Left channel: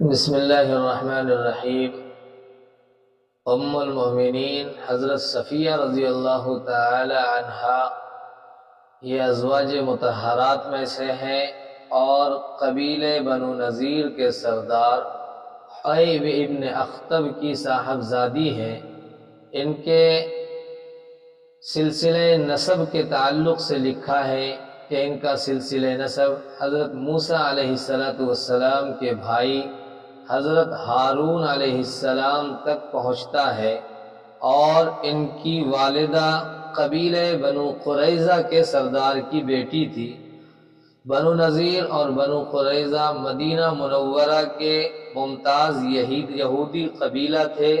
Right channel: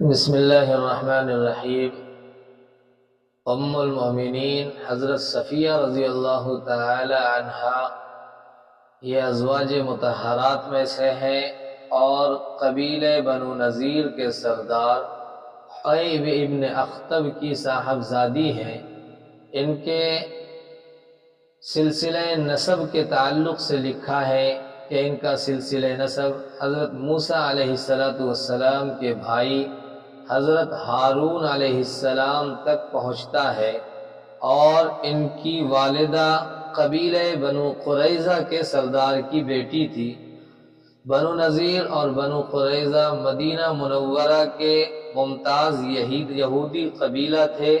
بسم اللہ الرحمن الرحیم۔ ام المؤمنین حضرت صفیہ رضی اللہ تعالی عنہا یہ ازواج مطہرات میں سے ہیں اور قبیلہ بنو نذیر کے سردار حیب ابن اخطب کی صاحبزادی ہیں۔ ان کے سلسلہ نسب کے تعلق سے لکھا ہے کہ ان کا سلسلہ نسب حضرت موسیٰ علیہ السلام کے بھائی حضرت ہارون علیہ السلام تک پہنچتا ہے، اور ان کی والدہ قبیلہ بنو قریظہ کے سردار کی بیٹی تھی۔ بنو نذیر اور بنو قریظہ مدینہ منورہ کے ممتاز یہودی قبیلہ تھے۔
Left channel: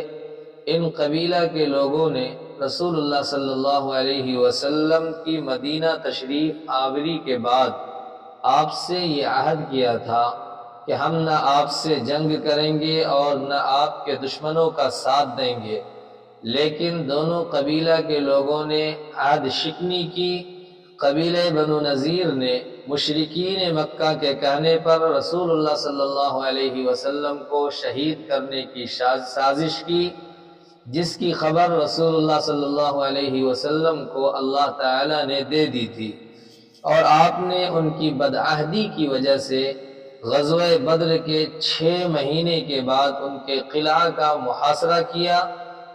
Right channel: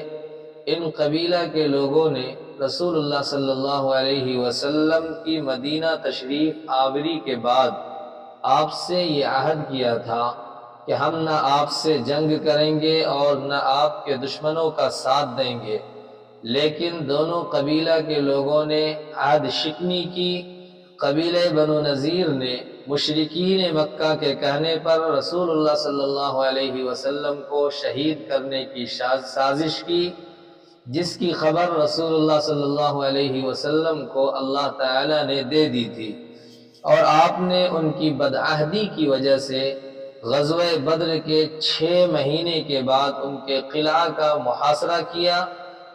ان قبیلہ کے لوگوں نے رسول اللہ صلی اللہ علیہ وسلم کی مدینہ تشریف آوری کے بعد آپ سے یہ عہد کیا تھا کہ ہم نہ آپ سے جنگ کریں گے اور نہ آپ کے دشمنوں کا ساتھ دیں گے، لیکن دونوں قبیلہ کے لوگوں نے عہد شکنی کی۔ قبیلہ بنو نذیر نے مشرکین مکہ کے کہنے پر رسول اللہ صلی اللہ علیہ وسلم کو شہید کرنے کی سازش کی، جس کی خبر رسول اللہ صلی اللہ علیہ وسلم کو اللہ تعالی نے دے دی تھی، اور آپ نے ان کی بدعہدی کی وجہ سے غزوہ بدر کے 6 مہینے کے بعد ان کے قلعہ کا محاصرہ کیا۔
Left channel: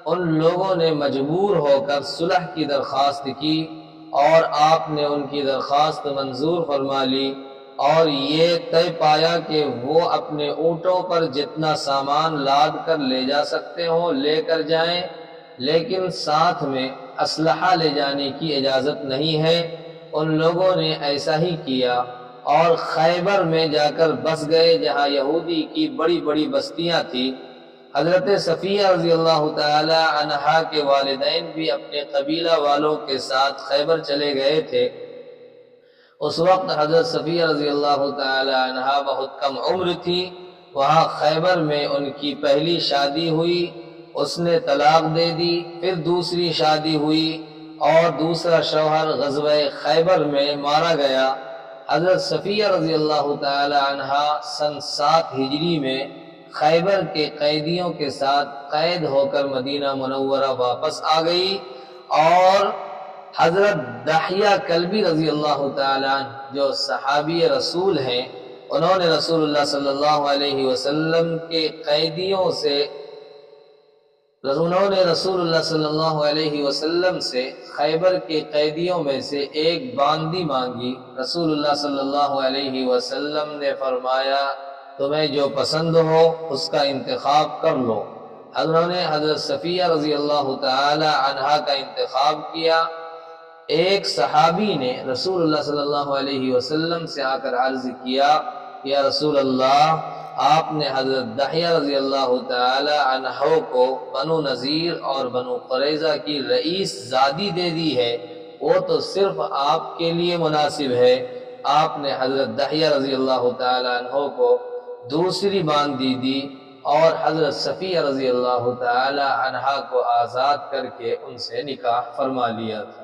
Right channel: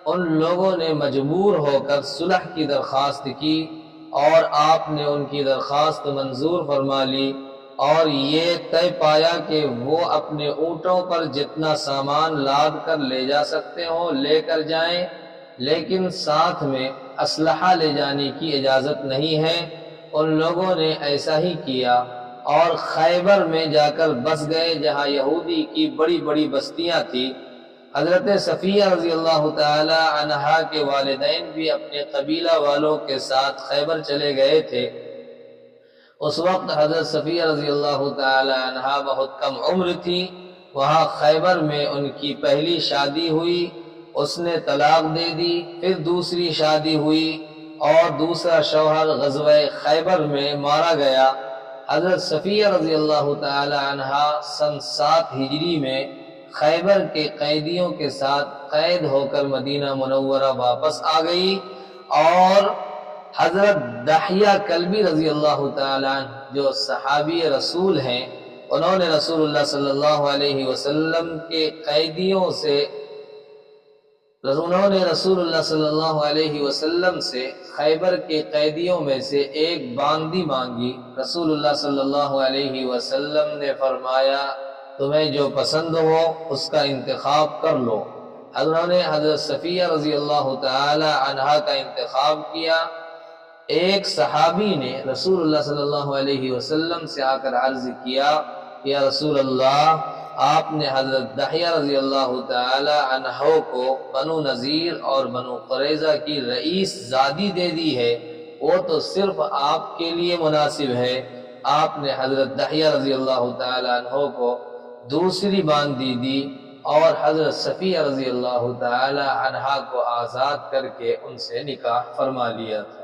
ان لوگوں نے مجبور ہو کر صلح کی درخواست کی اور آپ نے ان کی درخواست منظور فرما لی، اور یہ طے پایا کہ وہ اپنے اونٹوں پر جتنا سامان لاد کر لے جا سکتے ہوں لے کر جائیں، لیکن ساتھ میں اسلحہ لے جانے کی اجازت نہیں ہے۔ ان لوگوں نے ایسا ہی کیا اور خیبر میں جا کر بس گئے، جہاں یہودی کی بڑی بڑی بستیاں تھیں۔ حضرت صفیہ رضی اللہ تعالی عنہا کے والدین بھی اپنے قبیلہ والوں کے ساتھ خیبر چلے گئے تھے۔ اس وقت حضرت صفیہ رضی اللہ تعالی عنہا بہت کم عمر تھی۔ وہاں خیبر میں ان کی پہلی شادی ہوئی، اس نے طلاق دے دی، پھر دوسری شادی ہوئی اور دوسرا شوہر غزوہ خیبر میں مارا گیا۔ حضرت صفیہ رضی اللہ تعالی عنہا سن 7 ہجری میں خیبر کے قیدیوں کے ساتھ قید ہو کر مدینہ منورہ واپس آ گئی، اور حضرت دحیہ کلبی رضی اللہ تعالی عنہ جو صحابی رسول ہیں، انہوں نے رسول اللہ صلی اللہ علیہ وسلم کے قیدیوں سے انہوں نے رسول اللہ صلی اللہ علیہ وسلم سے خیبر کے قیدیوں میں سے ایک باندی مانگی۔ رسول اللہ صلی اللہ علیہ وسلم نے فرمایا تمہیں جو پسند ہو اس کا انتخاب کر لو۔ انہوں نے حضرت صفیہ رضی اللہ تعالی عنہا کا انتخاب کیا۔ ایک صحابی نے رسول اللہ صلی اللہ علیہ وسلم سے آ کر عرض کیا، یا رسول اللہ، آپ نے حضرت دحیہ رضی اللہ تعالی عنہ کو بنو نذیر اور بنو قریظہ کی رئیس زادی دے دی ہے، وہ تو صرف آپ کے لیے مناسب ہے۔ آپ نے حضرت دحیہ رضی اللہ تعالی عنہ کو دوسری باندی دی اور حضرت صفیہ رضی اللہ تعالی عنہ کو آزاد کر کے ان سے نکاح فرما لیا تھا۔